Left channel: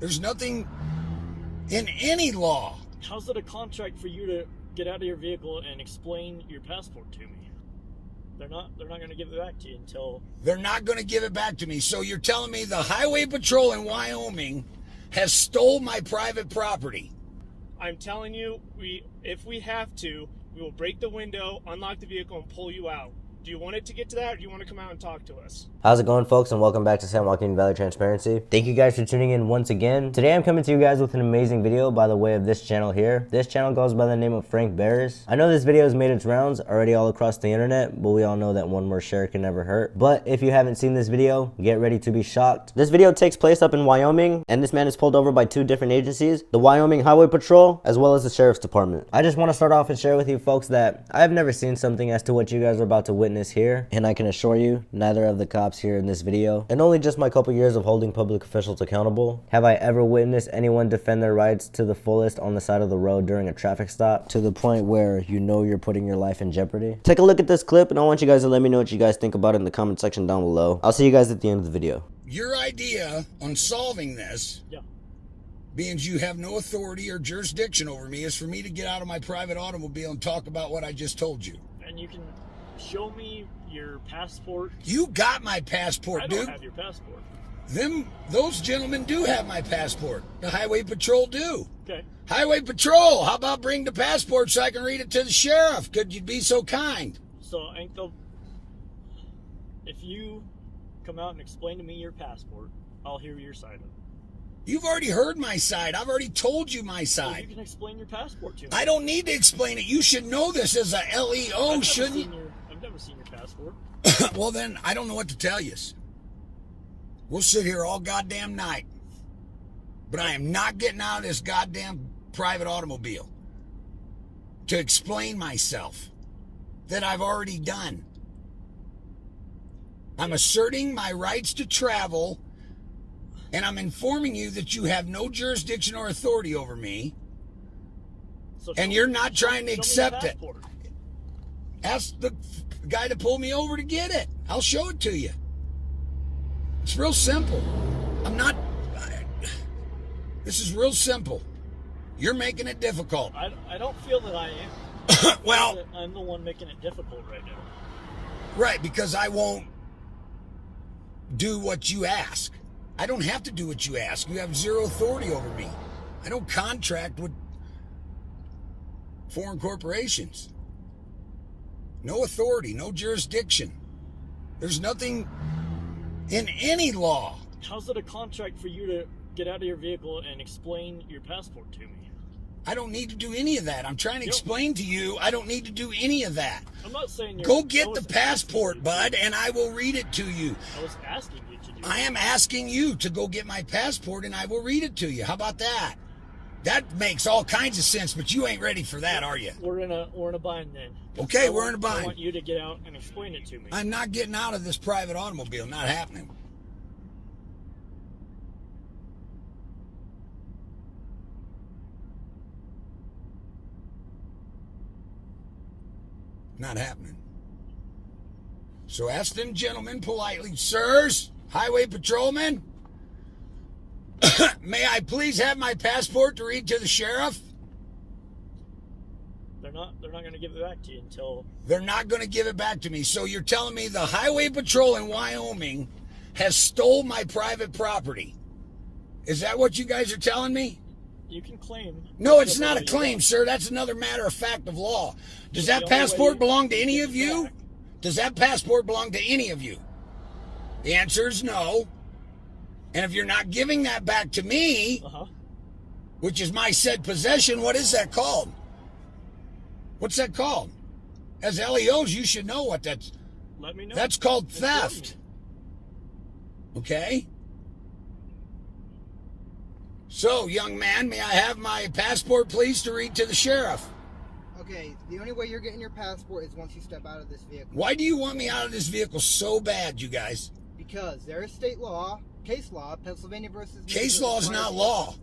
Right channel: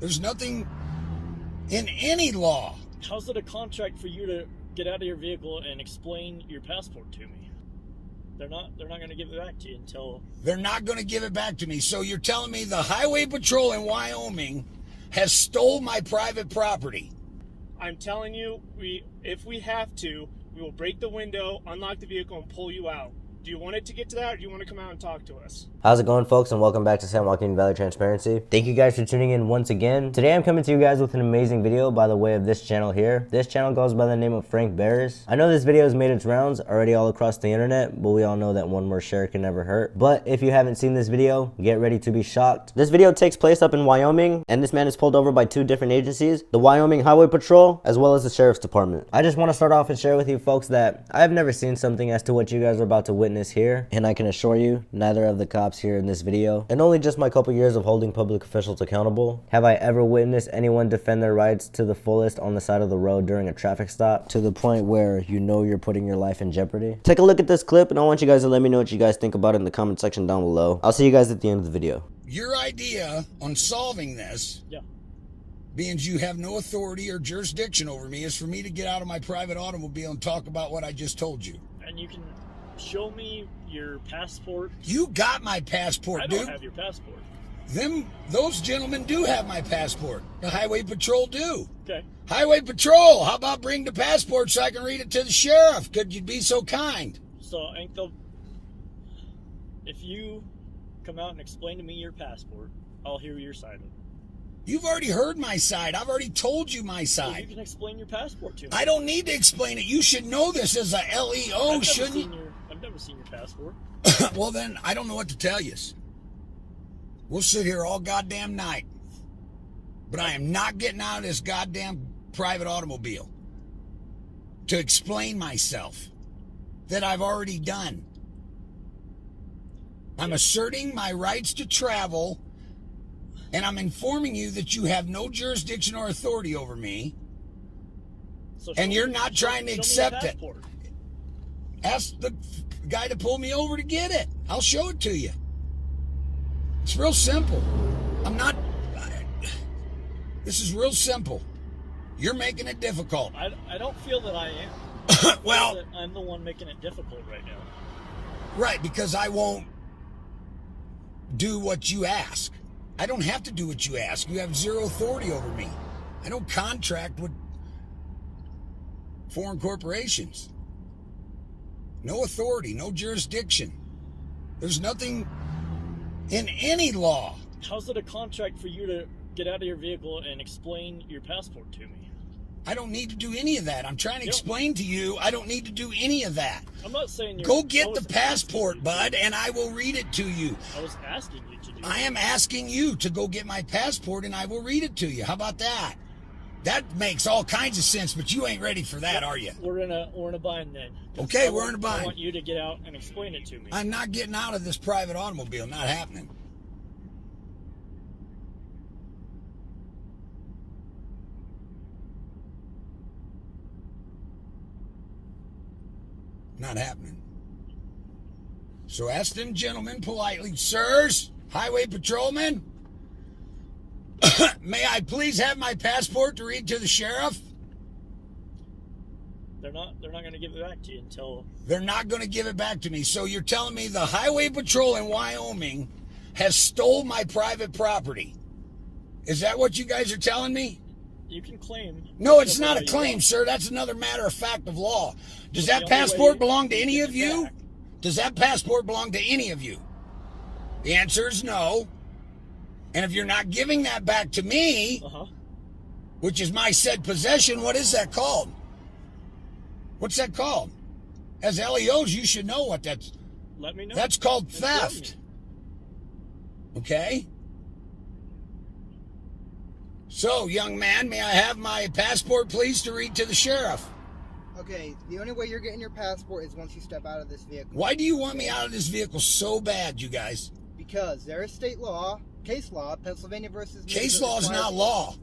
There's nothing in any law. How's it a contract for you to get out of your vehicle and explain your passport to me? They're not going to give it back to you until... They're not going to give it back to me. So you're telling me the Highway Patrol in Wyoming has stole my private property? I'm telling you, if we have to, we will break the window, unlock the vehicle, and pull you out. Do you want it to get to that, or do you want to come out and talk to us? How's it going, folks, and welcome back to San Joaquin Valley Transparency. Thank you guys for tuning in once again. Today I'm coming to you guys with an amazing video by the way of this channel here. This channel goes by the name of Frank Bears. I know this video has made its rounds already all across the internet, but we all know that one more share can never hurt. But if you haven't seen this video, get ready to be shocked. This video takes place up in Wyoming, and this man is pulled over by two different agencies, the Wyoming Highway Patrol, as well as the Sheriff's Department. I just want to start off and share with you folks that I have never seen something as to what you guys are about to witness here, and I can assure you, neither of the cops here in this video, and only just my couple years of holding public officials accountable, have I ever witnessed anyone defend their rights to the fullest on the side of the road during a traffic stop, to the point where you know you're putting your life in jeopardy. Take a look at this clip, and I want you guys to let me know what you guys think about it in the comment section down below. I'll see you guys at the end of the video. Your idea on solving this, being you have no authority or jurisdiction over me, is for me to get out of my private automobile and talk about what I just told you. And you can show me your passport. You got my passport, dude. I don't have your passport. Those gentlemen do have my passport. The Highway Patrol do. Okay. Highway Patrol, how about bring the passport so I can read it to the sheriff? Could you be so kind? So, if you come out and explain to me your passport, I'll hear your side of it. You've already heard my side. I've already told you my side. Well, you can explain your passport to me. I don't need to explain it. You should know this as a LEO, shouldn't you? I've never seen your passport. Well, then, I don't know what to tell you. We'll sit here all goddamn night. But I am not getting out of this goddamn private automobile to explain myself that I've already done. I'm asserting my rights to travel, and I'm informing you that you have no jurisdiction or authority over me, and you're not trying to accept it. Ask the guy to pull me over to get it. I'll show it to you. It's real simple. This is real simple. You're making it difficult. I don't feel that I am. Well, I'm the one making it difficult right now. Right, because I won't do what you ask. I don't have to do what you ask. You have zero authority over me. I don't contract with foreign corporations. No authority, no jurisdiction. There's nothing in any law. How's it a contract for you to get out of your vehicle and explain your passport to me? I don't need to do any of that. I'm trying to explain to you, I don't need to do any of that. I'm not saying you're... Go get the passport, bud, and I will read it to you. I was asking you to do I am asking you to go get my passport, and I will read it to you. How about that? That makes all kinds of sense, but you ain't ready for that, are you? We're in a bind then. Okay, we're in a bind. I want you to get out and explain it to me. I'm not getting out of this private automobile. Not happening. Not happening. So ask them gentlemen politely, sirs, highway patrolmen, may I please have my passport to read to the sheriff? They're not going to give it back to you until... They're not going to give it back to me. So you're telling me the Highway Patrol in Wyoming has stole my private property. Is that what you guys are telling me? You can claim... No, it's not a claim, sir. That's another matter of fact of law. Does that passport belong to any of you? Does that passport belong to any of you? The answer is no. And if you're not giving that back to me, which is my said possession, what is that called? What's that called? As LEOs, you should know what that's... Let me know. That's called theft. Okay? So, young man, may I have my passport, please, to read to the sheriff? Okay, the only way you're getting your passport is once you step out of this vehicle. Why do you want me out of this vehicle so bad, you guys? Because there is state law, case law, Pennsylvania versus... Case law is not law.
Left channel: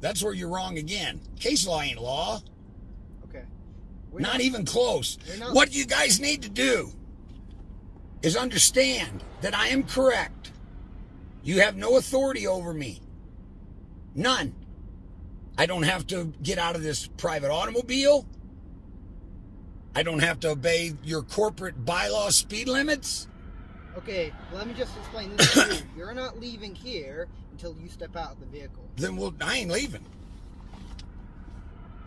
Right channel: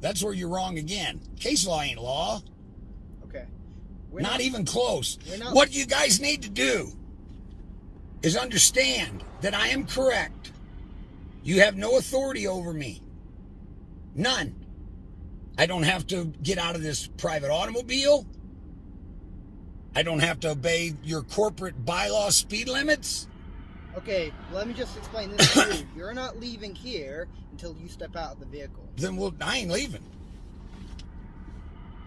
That's where you're wrong again. Case law ain't law. Okay. Not even close. What you guys need to do is understand that I am correct. You have no authority over me. None. I don't have to get out of this private automobile. I don't have to obey your corporate bylaw speed limits. Okay, let me just explain this to you. You're not leaving here until you step out of the vehicle. Then I ain't leaving.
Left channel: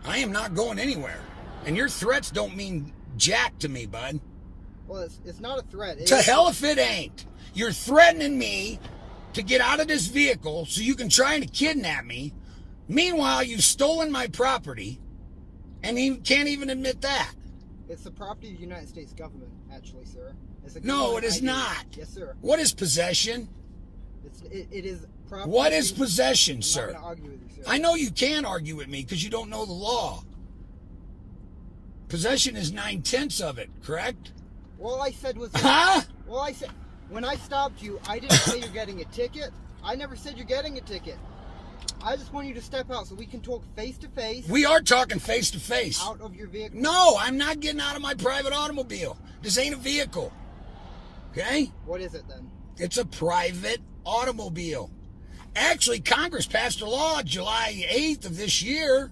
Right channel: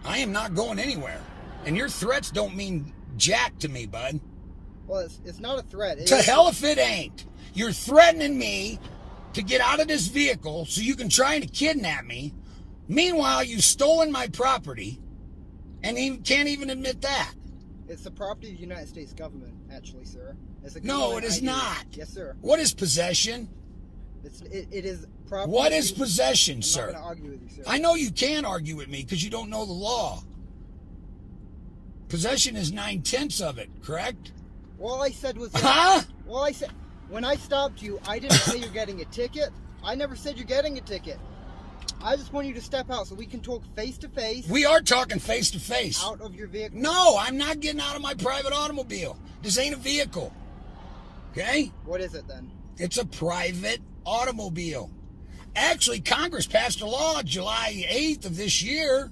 I am not going anywhere. And your threats don't mean jack to me, bud. Well, it's not a threat. To hell if it ain't. You're threatening me to get out of this vehicle so you can try to kidnap me. Meanwhile, you've stolen my property and you can't even admit that. It's the property of the United States government, actually, sir. No, it is not. Yes, sir. What is possession? It is property. What is possession, I'm sir? not going to argue with you, sir. I know you can argue with me because you don't know the law. Possession is 9/10 of it, correct? All I said was... Huh? All I said... When I stopped you, I didn't say you're getting a ticket. I never said you're getting a ticket. I just want you to step out so we can talk face to face. We are talking face to face. Out of your vehicle. No, I'm not getting out of my private automobile. This ain't a vehicle. Okay? What is it then? It's a private automobile. Actually, Congress passed a law July 8th of this year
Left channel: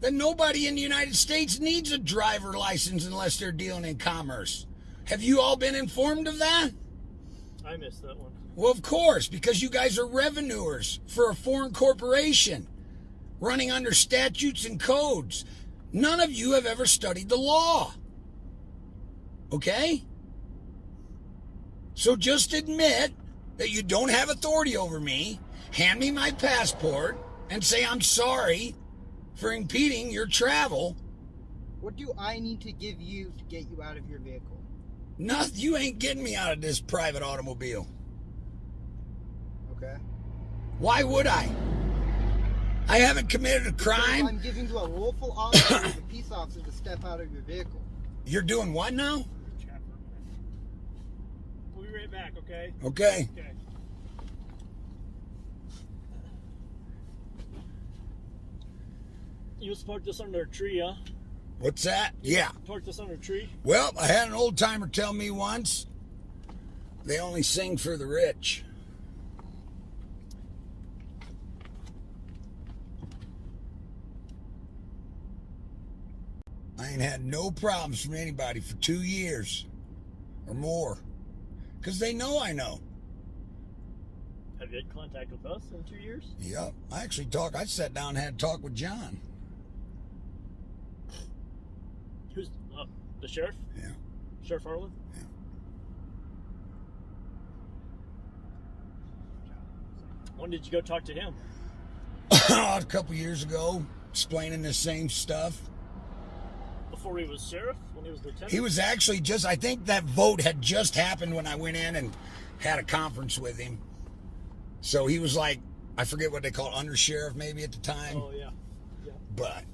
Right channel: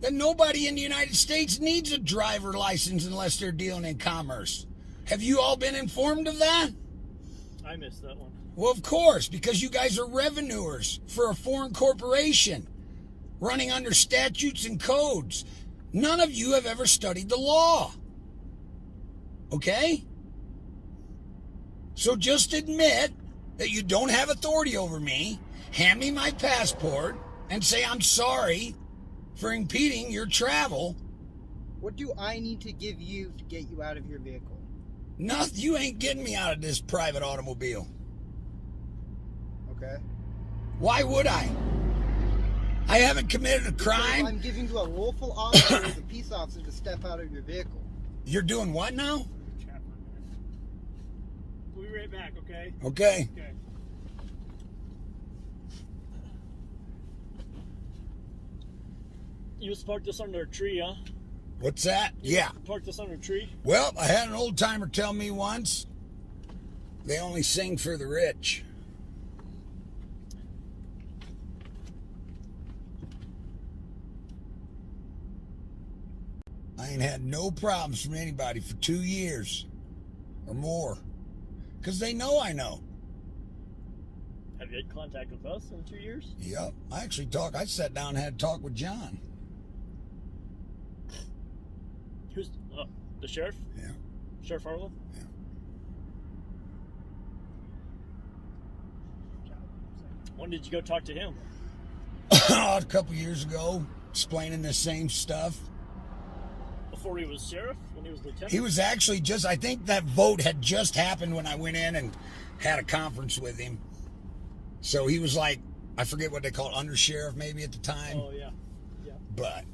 that nobody in the United States needs a driver license unless they're dealing in commerce. Have you all been informed of that? I missed that one. Well, of course, because you guys are revenuers for a foreign corporation running under statutes and codes. None of you have ever studied the law. Okay? So just admit that you don't have authority over me, hand me my passport, and say I'm sorry for impeding your travel. What do I need to give you to get you out of your vehicle? Nothing. You ain't getting me out of this private automobile. Okay. Why would I? I haven't committed a Because crime. I'm giving you a lawful officer as a peace officer to step out of your vehicle. You're doing what now? We'll be right back, okay? Okay. Okay. You just parked this under a tree, huh? What's that? Yeah. Parked this under a tree? Well, I had an old timer tell me once, they only sing for the rich. I ain't had no problems from anybody for 2 years or more. Because they know I know. Have you had contact with us in 2 years? Yep. I sat down and had a talk with John. Who's the sheriff? Yeah. Sheriff Harlan? Yeah. When did you go talk to him? A couple years ago, explaining the same stuff. Before he was sheriff? When he was lieutenant? He was actually I think that vote had just happened when I went in and had a conference with him. So he was like, I forget what they call it, undersheriff maybe at the time. Oh, yeah. Yeah. But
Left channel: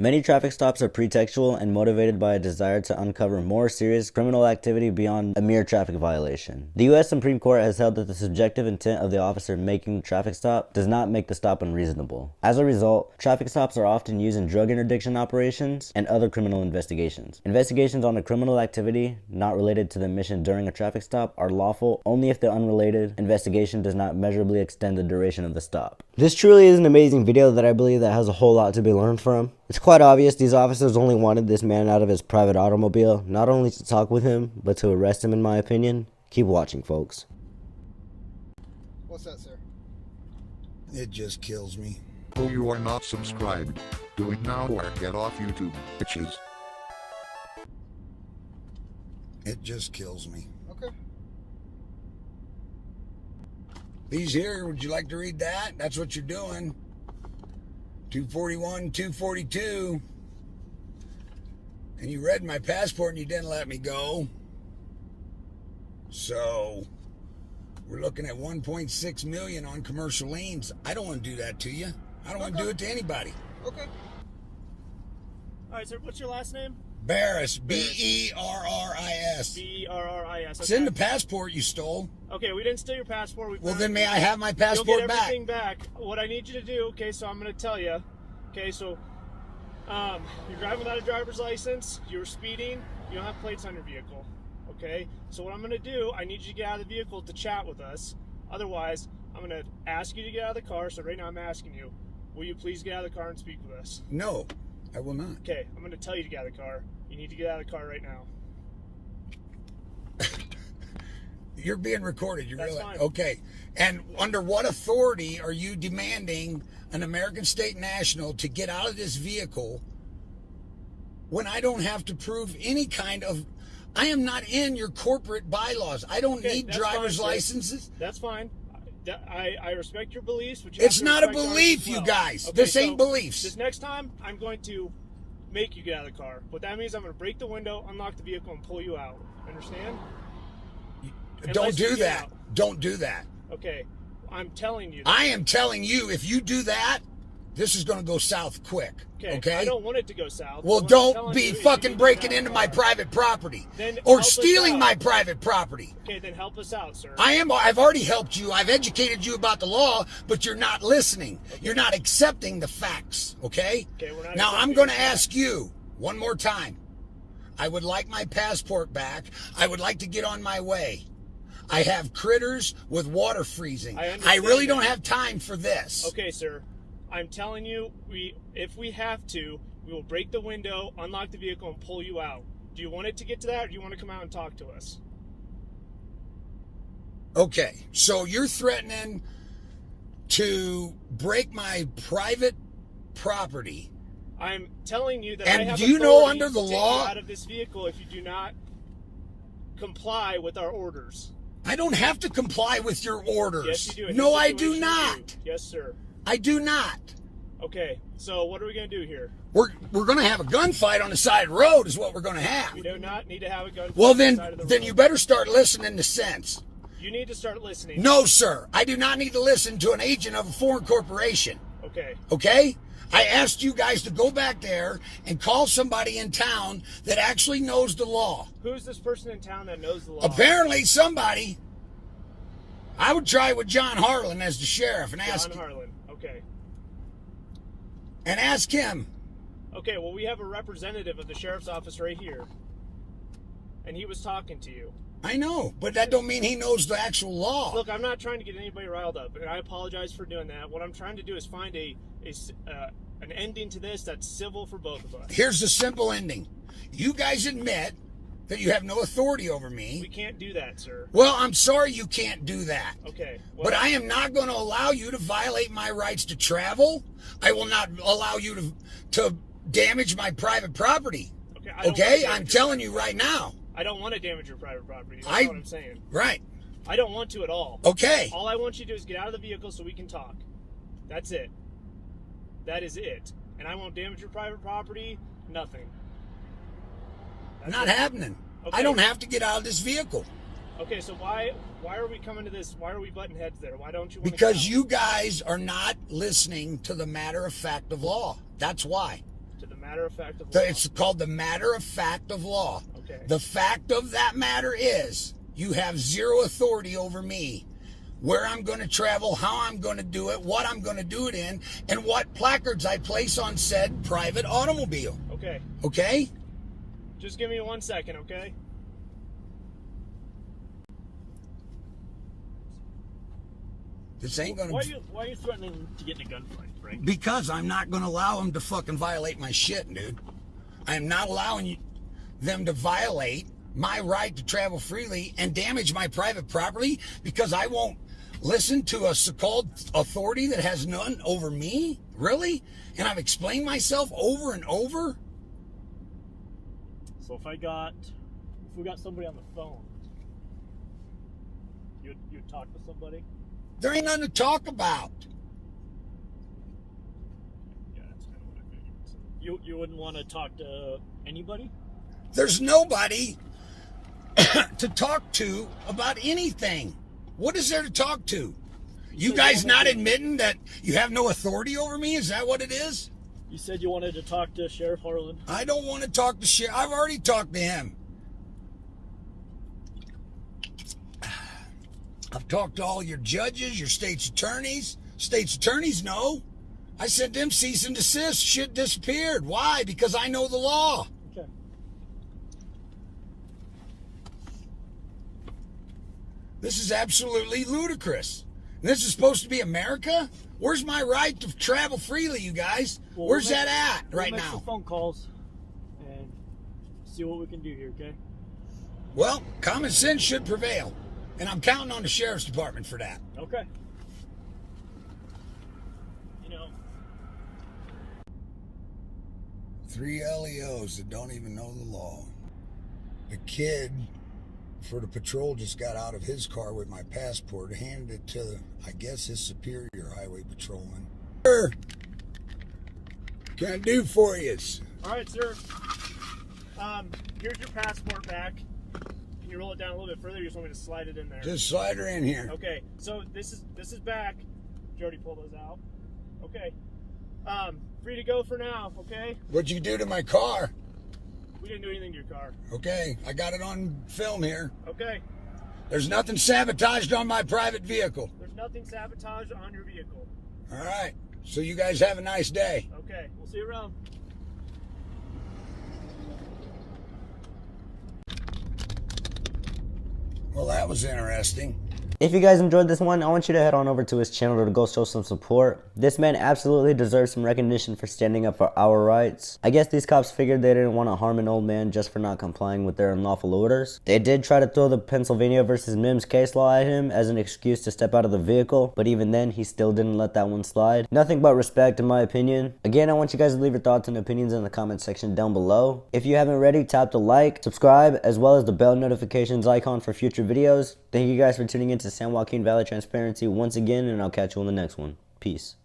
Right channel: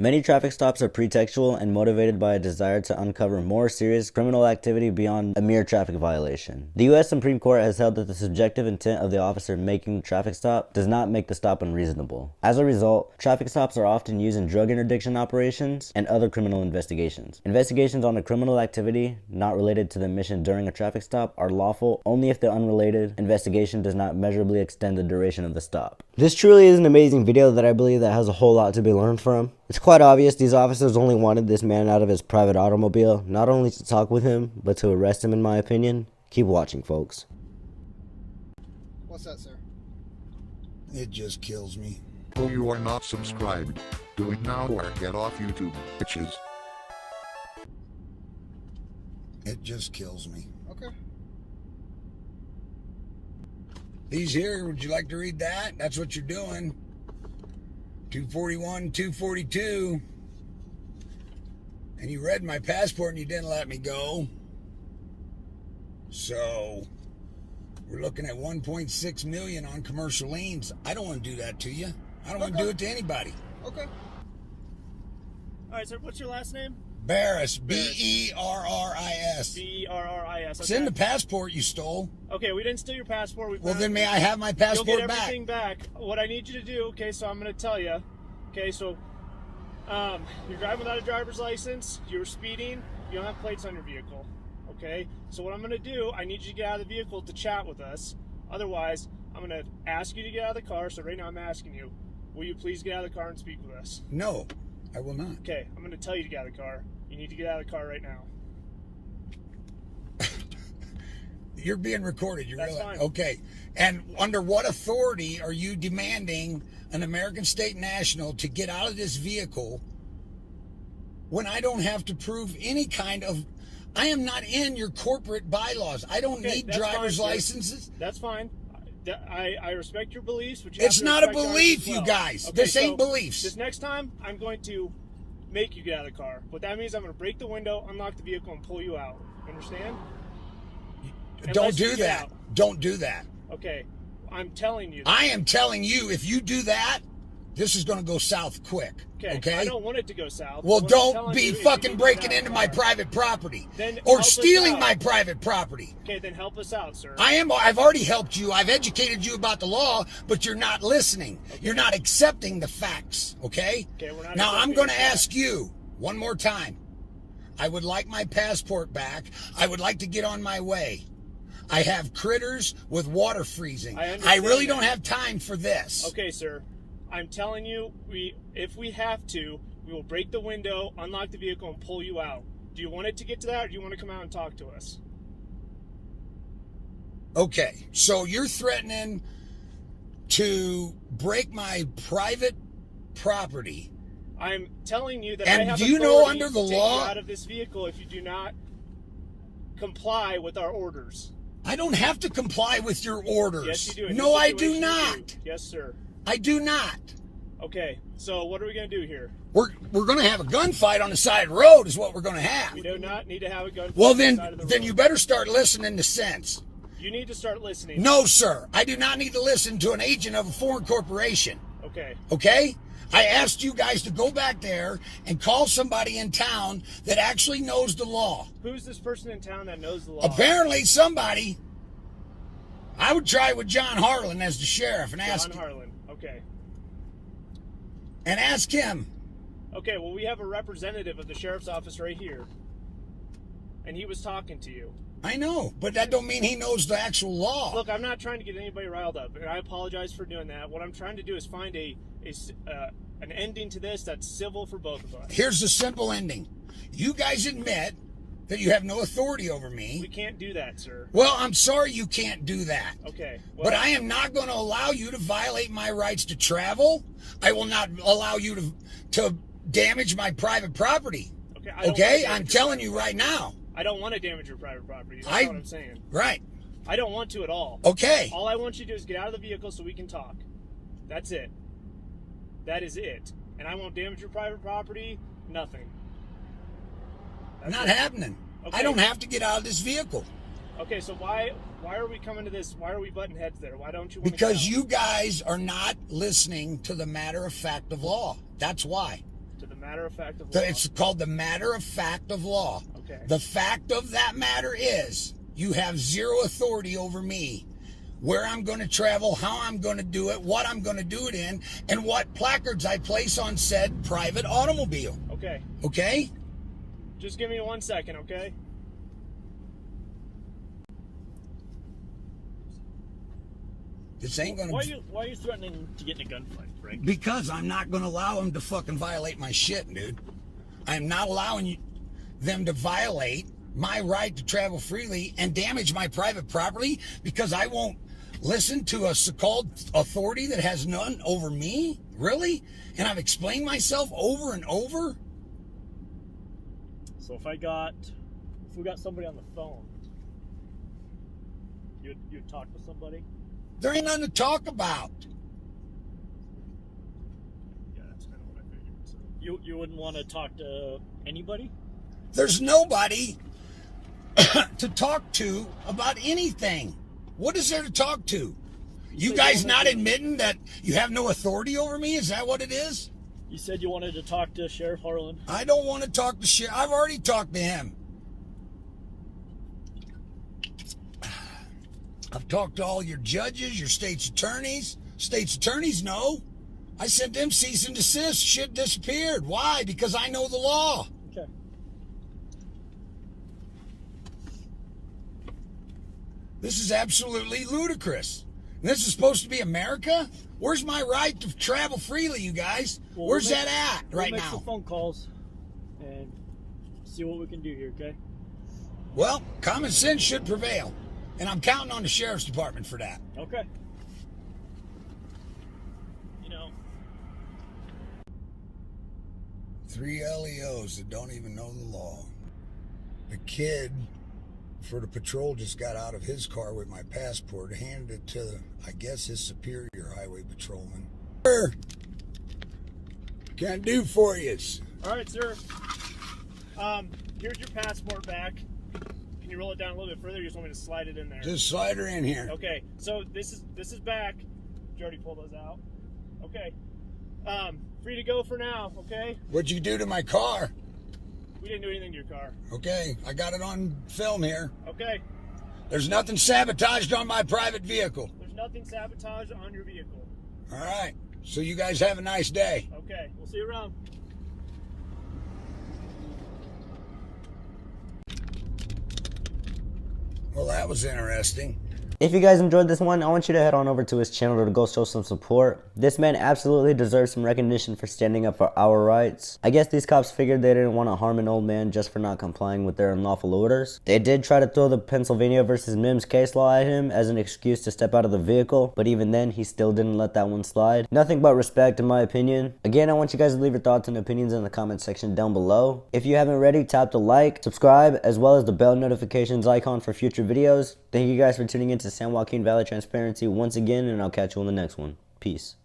Many traffic stops are pretextual and motivated by a desire to uncover more serious criminal activity beyond a mere traffic violation. The U.S. Supreme Court has held that the subjective intent of the officer making the traffic stop does not make the stop unreasonable. As a result, traffic stops are often used in drug interdiction operations and other criminal investigations. Investigations on a criminal activity not related to the mission during a traffic stop are lawful only if the unrelated investigation does not measurably extend the duration of the stop. This truly is an amazing video that I believe that has a whole lot to be learned from. It's quite obvious these officers only wanted this man out of his private automobile, not only to talk with him, but to arrest him in my opinion. Keep watching, folks. What's that, sir? it just kills me. Oh, you are not subscribed. Do it now or get off YouTube, bitches. It just kills me. Okay. He's here. Would you like to read that? That's what you're doing. 241, 242. And you read my passport and you didn't let me go. So we're looking at 1.6 million on commercial liens. I don't want to do that to you. I don't want to do it to anybody. Okay. All right, sir. What's your last name? Barris, B-E-R-R-I-S. B-E-R-R-I-S. It's in the passport you stole. Okay, we didn't steal your passport. Well, then may I have my passport You'll get back? everything back. What I need you to do, okay, so I'm going to tell you. Okay, so You're driving without a driver's license. You're speeding. You don't have plates on your vehicle. Okay? So what I'm going to do, I need you to get out of the vehicle to chat with us. Otherwise, I'm going to ask you to get out of the car. So right now I'm asking you, will you please get out of the car and speak with us? No, I will not. Okay, I'm going to tell you to get out of the car. You need to get out of the car right now. You're being recorded. You That's realize? fine. Okay. And under what authority are you demanding an American State National to get out of this vehicle when I don't have to prove any kind of... I am not in your corporate bylaws. I don't Okay, need that's driver's fine, sir. licenses. That's fine. I respect your beliefs, but you It's have to not a respect ours belief, as you well. guys. Okay, This ain't so beliefs. This next time, I'm going to make you get out of the car. What that means, I'm going to break the window, unlock the vehicle, and pull you out. Understand? Don't Unless you do get that. out. Don't do that. Okay. I'm telling you. I am telling you, if you do that, this is going to go south quick. Okay? I don't want it to go south. Well, What I'm don't telling be you is you fucking need to breaking get out into of my the car. private property Then or help us stealing out. my private property. Okay, then help us out, sir. I've already helped you. I've educated you about the law, but you're not listening. You're not accepting the facts, okay? Okay, we're not Now, I'm accepting going the to facts. ask you one more time. I would like my passport back. I would like to get on my way. I have critters with water freezing. I I understand really that. don't have time for this. Okay, sir. I'm telling you, if we have to, we will break the window, unlock the vehicle, and pull you out. Do you want it to get to that, or do you want to come out and talk to us? Okay, so you're threatening to break my private property. I'm telling you that And I have do you know authority under the to take law- you out of this vehicle if you do not comply with our orders. I don't have to comply with your orders. Yes, you do. In No, this I do situation, you not. Yes, sir. I do not. Okay, so what are we going to do here? We're going to have a gunfight on the side of the road is what we're going to have. We do not need to have a gun. Well, on the then side of the then road. you better start listening to sense. You need to start listening. No, sir. I do not need to listen to an agent of a foreign corporation. Okay. Okay? I asked you guys to go back there and call somebody in town that actually knows the law. Who's this person in town that knows the law? Apparently, somebody. I would try with John Harlan as the sheriff and John Harlan. Okay. ask him. Okay, well, we have a representative of the sheriff's office right here. And he was talking to you. I know, but that don't mean he knows the actual law. Look, I'm not trying to get anybody riled up, and I apologize for doing that. What I'm trying to do is find an ending to this that's civil for both of us. Here's the simple ending. You guys admit that you have no authority over We me. can't do that, sir. Well, I'm sorry you can't do that. Okay. Well, But I am not going to allow you to violate my rights to travel. I will not allow you to damage my private property. okay, I don't Okay? wanna I'm damage telling your you right now. I don't want to damage your private property. That's I- what I'm saying. Right. I don't want to at all. Okay. All I want you to do is get out of the vehicle so we can talk. That's it. That is it. And I won't damage your private property. Nothing. That's Not it. happening. Okay. I don't have to get out of this vehicle. Okay, so why are we coming to this? Why are we butting heads there? Why don't you want Because to you guys are not listening to the matter of fact of law. That's why. to the matter of fact of law? It's called the matter of fact of law. Okay. The fact of that matter is you have zero authority over me. Where I'm going to travel, how I'm going to do it, what I'm going to do it in, and what placards I place on said private automobile. Okay. Okay? Just give me 1 second, okay? This ain't going Why are to... you threatening to get in a gunfight, Frank? Because I'm not going to allow them to fucking violate my shit, dude. I'm not allowing them to violate my right to travel freely and damage my private property because I won't listen to a so-called authority that has none over me? Really? And I've explained myself over and over? So if we got somebody on the phone, you'd talk to somebody? There ain't nothing to talk about. Yeah, that's kind of what I figured. So you wouldn't want to talk to anybody? There's nobody to talk to about anything. What is there to talk to? You said guys you not wanted to- admitting that you have no authority over me? Is that what it is? You said you wanted to talk to Sheriff Harlan. I don't want to talk to Sheriff. I've already talked to him. I've talked to all your judges, your state's attorneys. State's attorneys know. I sent them cease and desist. Shit disappeared. Why? Because I know the law. Okay. This is absolutely ludicrous. This is supposed to be America? Where's my right to travel freely, you guys? Well, Where's we'll that at right we'll make now? some phone calls and see what we can do here, okay? Well, common sense should prevail. And I'm counting on the sheriff's department for that. Okay. You know, 3 LEOs that don't even know the law. The kid for the patrol just got out of his car with my passport, handed it to, I guess, his superior highway patrolman. Sir, can I do for you? All right, sir. Here's your passport back. Can you roll it down a little bit further? You just want me to slide it in there? Just slide her in here. Okay, so this is back. Did you already pull those out? Okay. Free to go for now, okay? What'd you do to my car? We didn't do anything to your car. Okay, I got it on film here. Okay. There's nothing sabotaged on my private vehicle. There's nothing sabotaged on your vehicle. All right, so you guys have a nice day. Okay, we'll see you around. Well, that was interesting. If you guys enjoyed this one, I want you to head on over to his channel to go show some support. This man absolutely deserves some recognition for standing up for our rights. I guess these cops figured they didn't want to harm an old man just for not complying with their unlawful orders. They did try to throw the Pennsylvania versus Mims case law at him as an excuse to step out of the vehicle, but even then, he still didn't let that one slide. Nothing but respect in my opinion. Again, I want you guys to leave your thoughts and opinions in the comment section down below. If you haven't already, tap the like, subscribe, as well as the bell notifications icon for future videos. Thank you guys for tuning in to San Joaquin Valley Transparency once again, and I'll catch you on the next one. Peace.